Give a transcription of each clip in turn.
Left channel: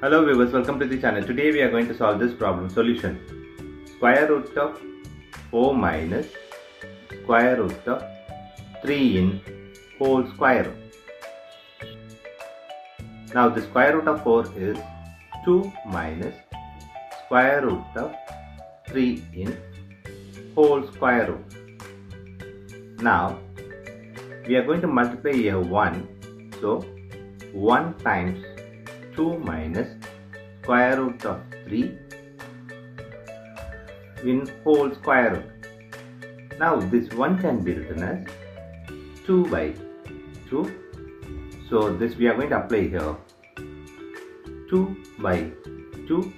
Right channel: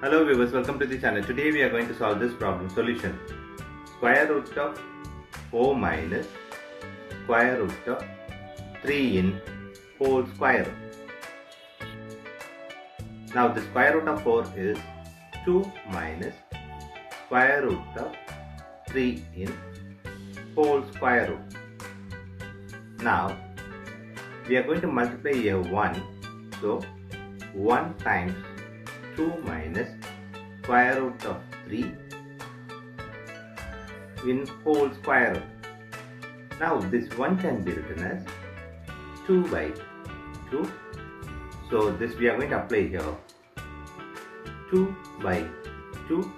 Hello viewers, welcome to the channel. Today we are going to solve this problem solution. Square root of 4 minus square root of 3 in whole square. Now the square root of 4 is 2 minus square root of 3 in whole square root. Now we are going to multiply here 1. So 1 times 2 minus square root of 3 in whole square root. Now this 1 can be written as 2 by 2. So this we are going to apply here. 2 by 2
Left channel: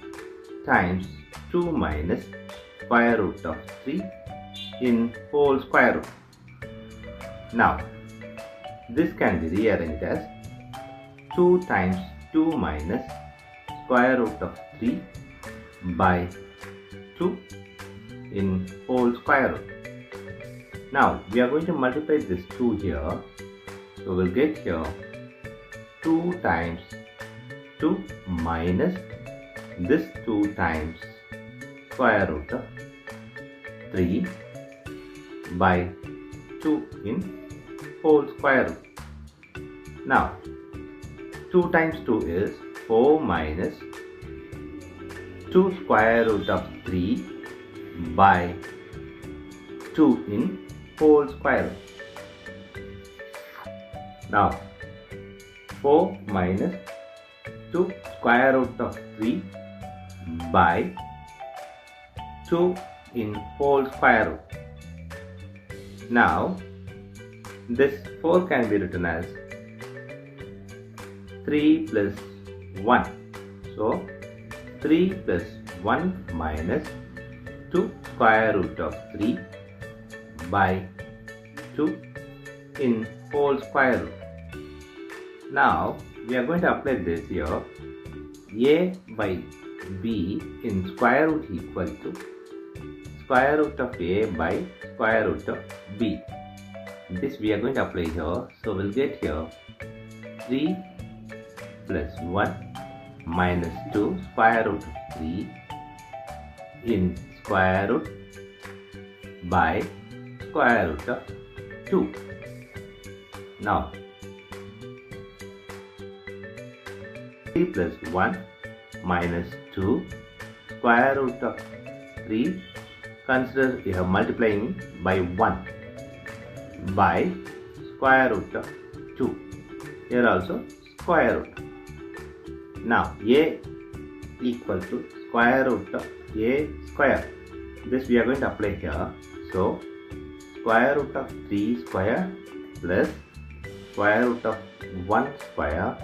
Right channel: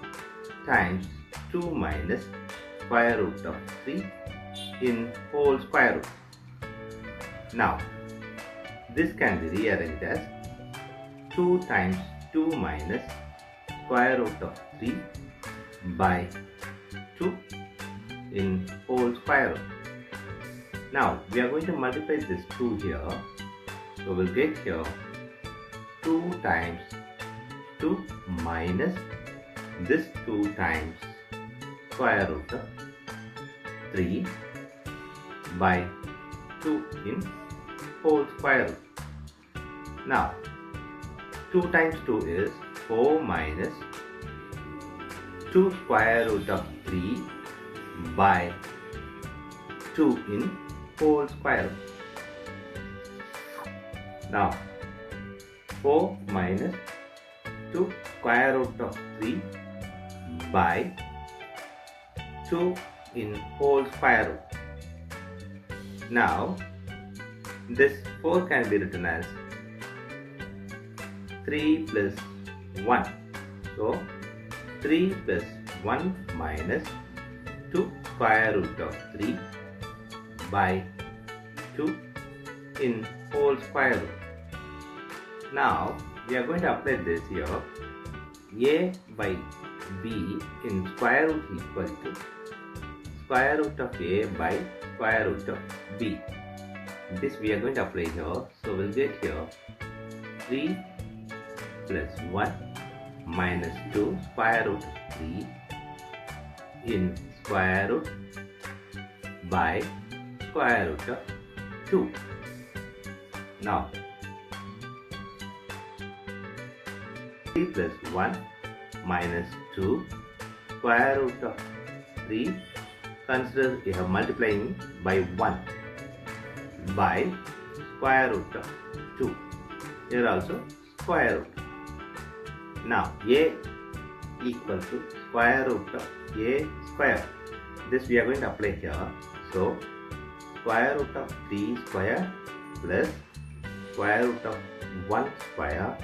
times 2 minus square root of 3 in whole square root. Now this can be rearranged as 2 times 2 minus square root of 3 by 2 in whole square root. Now we are going to multiply this 2 here. So we'll get here 2 times 2 minus this 2 times square root of 3 by 2 in whole square root. Now 2 times 2 is 4 minus 2 square root of 3 by 2 in whole square root. Now 4 minus 2 square root of 3 by 2 in whole square root. Now this 4 can be written as 3 plus 1. So 3 plus 1 minus 2 square root of 3 by 2 in whole square root. Now we are going to apply this here. A by B in square root equal to square root of A by square root of B. This we are going to apply here. So we'll get here 3 plus 1 minus 2 square root of 3 in square root by square root of 2. Now 3 plus 1 minus 2 square root of 3, consider we have multiplying by 1 by square root of 2. Here also square root. Now A equal to square root of A square. This we are going to apply here. So square root of 3 square plus square root of 1 square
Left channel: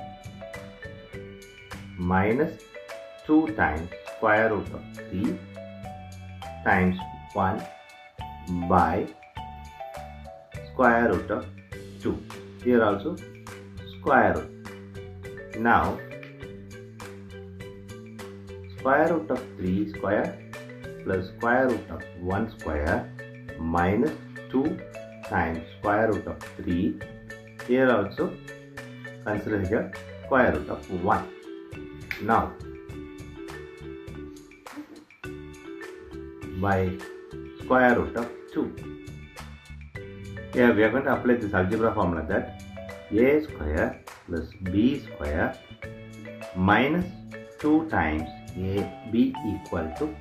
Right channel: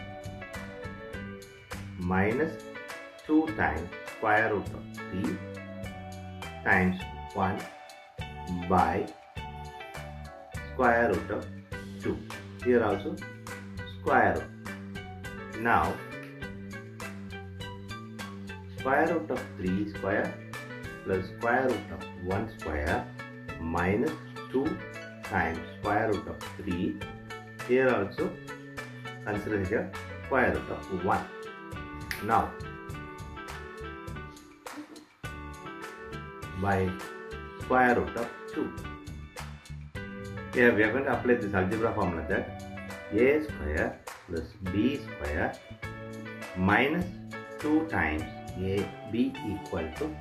minus 2 times square root of 3 times 1 by square root of 2. Here also square root. Now square root of 3 square plus square root of 1 square minus 2 times square root of 3. Here also consider here square root of 1. Now by square root of 2. Here we are going to apply this algebra formula that A square plus B square minus 2 times AB equal to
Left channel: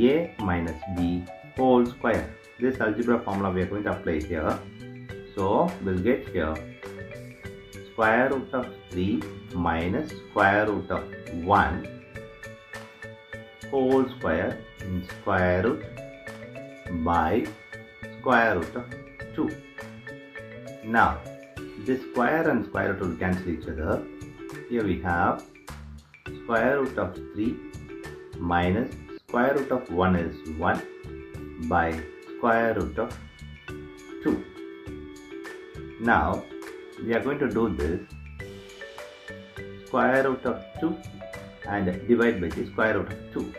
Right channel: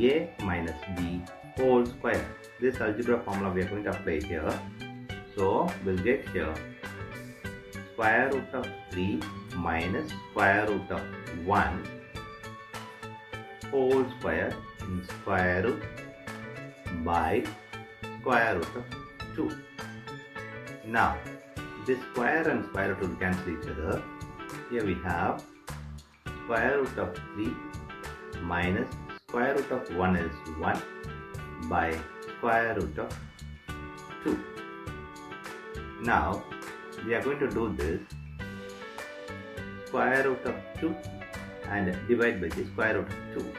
A minus B whole square. This algebra formula we are going to apply here. So we'll get here square root of 3 minus square root of 1 whole square in square root by square root of 2. Now this square and square root will cancel each other. Here we have square root of 3 minus square root of 1 is 1 by square root of 2. Now we are going to do this square root of 2 and divide by the square root of 2.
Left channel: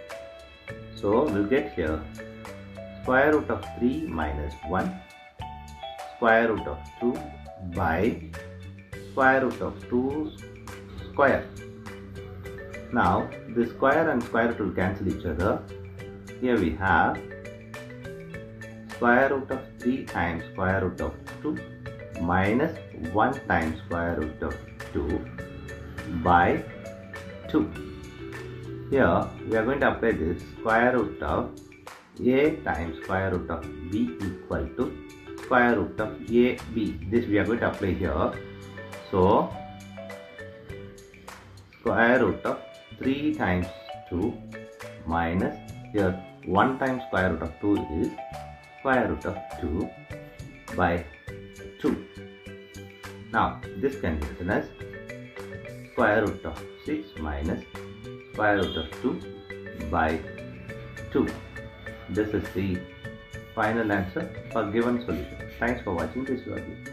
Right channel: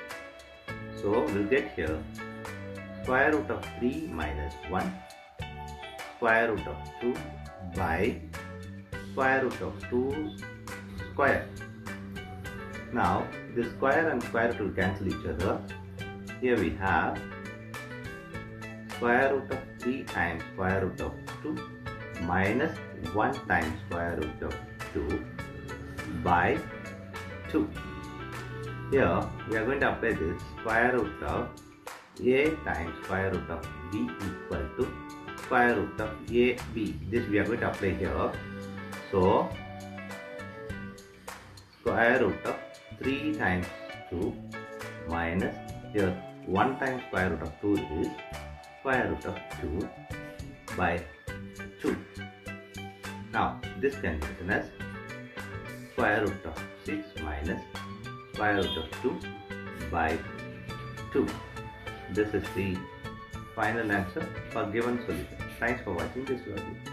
So we'll get here square root of 3 minus 1 square root of 2 by square root of 2 square. Now the square and square root will cancel each other. Here we have square root of 3 times square root of 2 minus 1 times square root of 2 by 2. Here we are going to apply this square root of a times square root of b equal to square root of ab. This we are going to apply here. So square root of 3 times 2 minus here 1 times square root of 2 is square root of 2 by 2. Now this can be written as square root of 6 minus square root of 2 by 2. This is the final answer for given solution. Thanks for watching this video.